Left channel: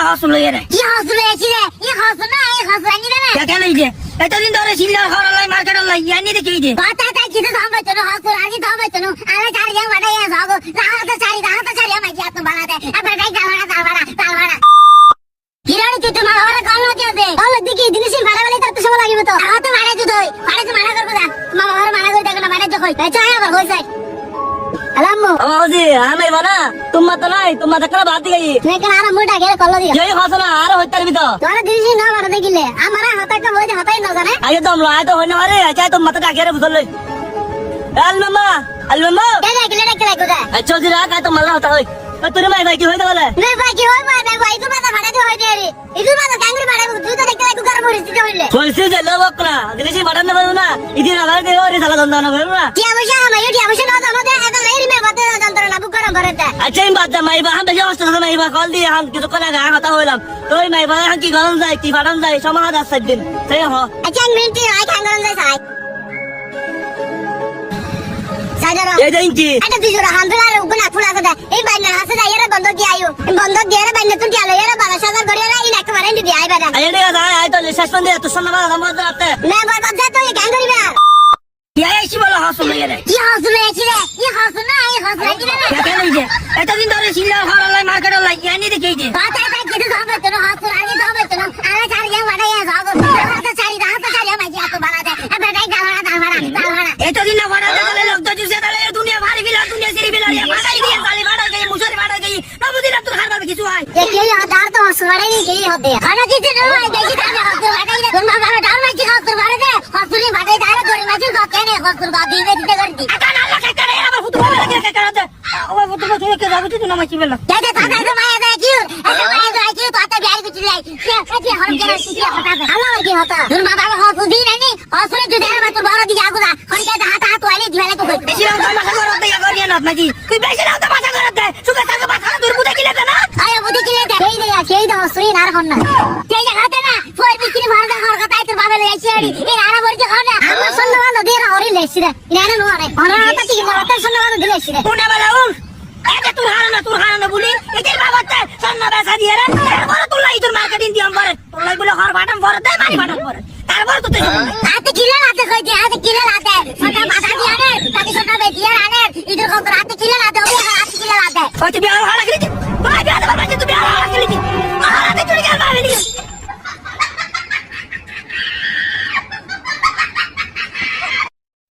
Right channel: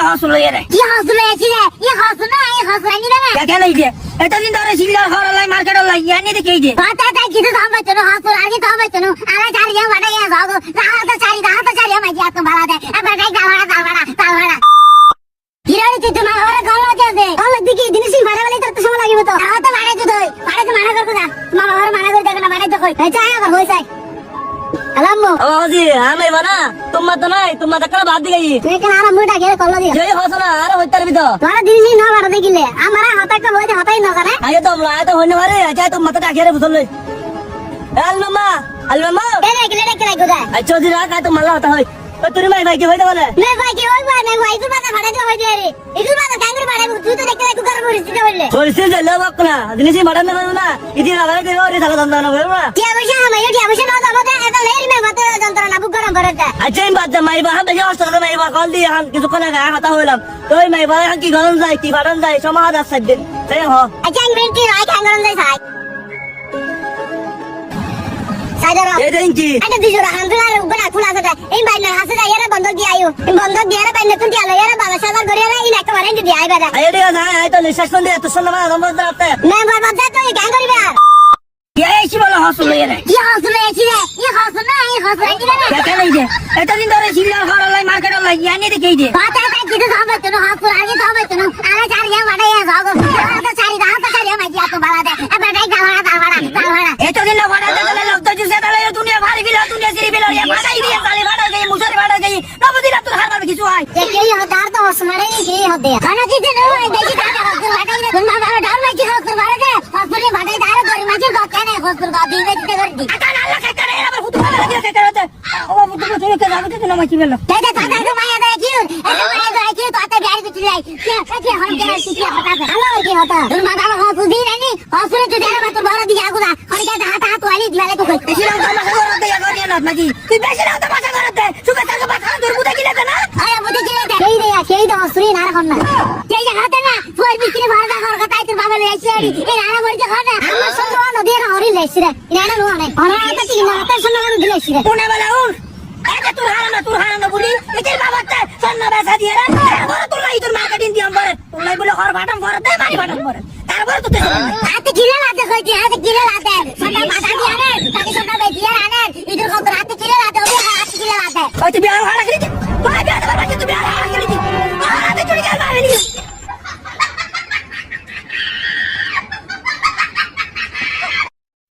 বলা হাসুল রে কি হাসুল এসি রে ই হাসুল না ই হাসুল আনি রে কেন এই যে এতদিন ধরে সিল্লা হরলাই মার্কেট লাই এনে দিকে এই যে কথা তাই কিছু থামাই তো হাসুল আগে থামাই তো আরে চারি যা বাড়াই ভাগো রাহাত চারি আমাই যা তো ভাড়া দে এবার গাই তাল ভাড়া হিরানি তুই তোমার ঘরে কল না দে কল দিকে জিনিস ভাড়া বলি তোর তো সময় লাগিব তো রাহাত ভাড়া তো দই ভাড়া তো মানা করব না মামা ঘরে মানা করে দেখো না ভাড়া তো কই চাই আবার হই যায় আলামু ও জি আমি বানা তোমার তো নাই তোমার তো কোন বাদ দিই তুই কেন আরে মুটা গেলে কল দিয়া জয় হাসনা আর হইতার ভিতর তোর জিনিস না ভাড়া দেখিলে আমার হাতটা বইতে হাতাই না জানে আগে তো আমরা আয় তো হইনে মারে চাই তো মাথা কাকে রে বুঝল আল মামা কেনে কেলে গোদা আচ্ছা জি রাখ তো মালা হতা হই তো তুই মাই ভাই কি হইতা বলে না ভাই কি হইবা না ভাই তুই মাথা ভাড়া দিও হইবে রে একটু মাথা ক্যাঙ্গুর ভাড়া তুই তো দেখলে একটু গরম হইছিস হইলে সরছে যে লবক না জিনিস মারান না না ইদি না ভাই দেও রে থাকা দন্দ না ভাই না কি অবশ্য আমায় কি অবশ্য না আমাদের এত লেরি মে গত যন্ত্রণা বুক গরম করে দে আচ্ছা এই বাদ মাই বা আমরা যাওয়া তো মাই বা কল দিয়ে হাম কিছু কোনা গা কথা হইলাম তোই মাই বা হাম কি গরম যায় কি ফাটান যায় সমাহার আছে দিন তাই হ আচ্ছা এক মিনিট আই ক্যাঙ্গুর যাই সাই সাইদারা এই দিনকি এটা দিজোর হামদুলা উগনা ফুলা কথা এই বাইনা হাসে যায় এর বন্ধ দি আইও বন্ধ দিয়ে এর বাইনা তো দি আলো এর বাবা সাদা করে না ইনা একটা মারেন দি আইবা দা আয় রে যায় আয় তো নিঃশ্বাস দিয়ে তো সন্ধ্যা রমজ রাতে মে বাবা যা তুই ক্যাঙ্গুর বে এই কি বলা হাসল রে কি হাসুল এসি রে ই হাসুল না ই হাসুল আনি রে কেন এই যে এতদিন ধরে সিল্লা হরলাই মার্কেট লাই এনে দিকে এই যে কথা তাই কিছু থামাই তো হাসুল আগে থামাই তো আরে চারি যা বাড়াই ভাগো রাহাত চারি আমাই যা তো ভাড়া দে এবার গাই তাল ভাড়া এতদিন না ভাড়া দিলে লোক তো জুসে তালে দুনিয়া ভাড়ি বিলা দুনিয়া সিরি বিলা ভাড়াই দিয়ে তালে ভাড়া গই মুসরি ভাড়া গই নবদিন তোর হারবার কিছু হয় যে কে হাজার তো হাসুমারে নি কে হতে খানা দিতে না হয় দেখি তাকে হাসুল বাটাই রে তোমার বাবা ডাল মাছি হাসুল মারে দে হাসুলি বাটাই দাঁড়ে করে মাছি কথা নে হাসুল গাদি দিতে করে দি আকান আল্লাহ খাইতে রে আমার ফুটবল লাগে খাইতে রে ও ফুটবল থেকে কে যাবে তুই না মাছি বেলা দাদা দাদা তো মায়া দে কি এটা মায়া দে কি তো আতা বিয়ার কিছু যাই কি হল করে শিখিয়া হতা ভালো কি হতা তোর বাবা হাসুল দি রানি হাসুলি তো দেরা তোর বড় দিকে আগুদা খড়িকা হাত ওয়ালি দিলে তো কই বেশি না তো মাথা করতে গনিয়া না নাকি তুই বেশি না তো মাথা করতে সুখে থাকো মাথা তোর বুঝে গিলে না আরে বুঝে গিলে দে সেই দে হাসুলি না রাখুন না সেই জায়গাতে না ফোর বিক্রি মারদা ঘর কথা তোর বাবা লই আসি এই আরা বলছে খানা আমার সন্ন্যাল দিয়ে হরি লেছি রে ইনারে নো নাই ওনা আতা ঠিক না আতা সন্ন্যাল দিলেছি রে কোনে বলা উন এটা তোর হারানো বলি এদের বাবাতে সন্না বাসা দিয়ে রে বড় তোর লাই তোর মার্কেটিং দি আমবারে তোর লাই বলে হর বাটাম ভরে দে মারি বাটাম ভরে তারপরে তো তুই আতে কিলা লাতে কইছে আতে কিলা লাতে সন্ন্যাল বাসা দিয়ে আনে তাকে সন্ন্যাল